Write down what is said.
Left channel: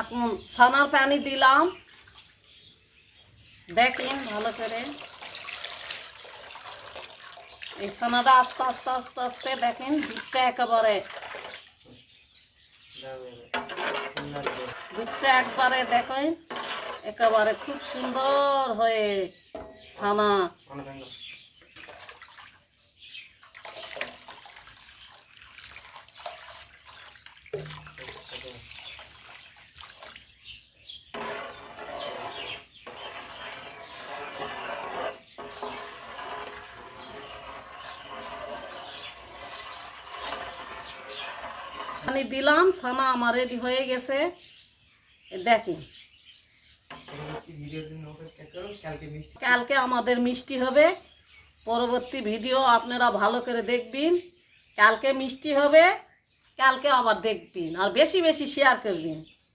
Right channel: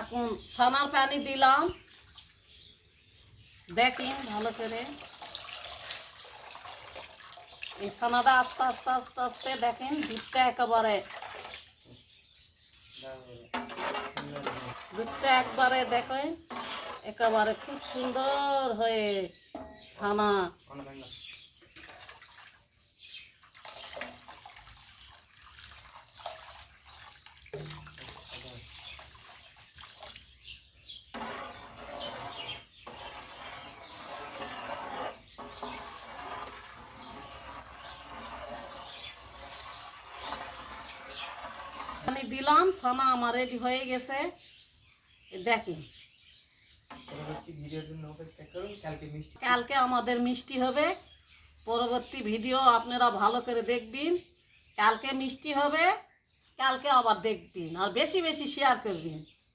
এখন ছানার পানি দিলাম, দেখেন ভালো করে। এই ছানাটা আস্তে আস্তে আস্তে আস্তে দেখেন দুধটা একবারে দেখেন একেবারে খুব সুন্দর হয়ে ছানা পানি দিলাম, ছানা আমার রেডি হয়ে গেছে। দেখেন কালকে আমাদের মিষ্টি হবে। পরবর্তী ভিডিও আপনারা ভালো করে দেখবেন। কালকে মিষ্টি হবে, কালকে আবার দেখবেন আর বেশি বেশি শেয়ার করবেন।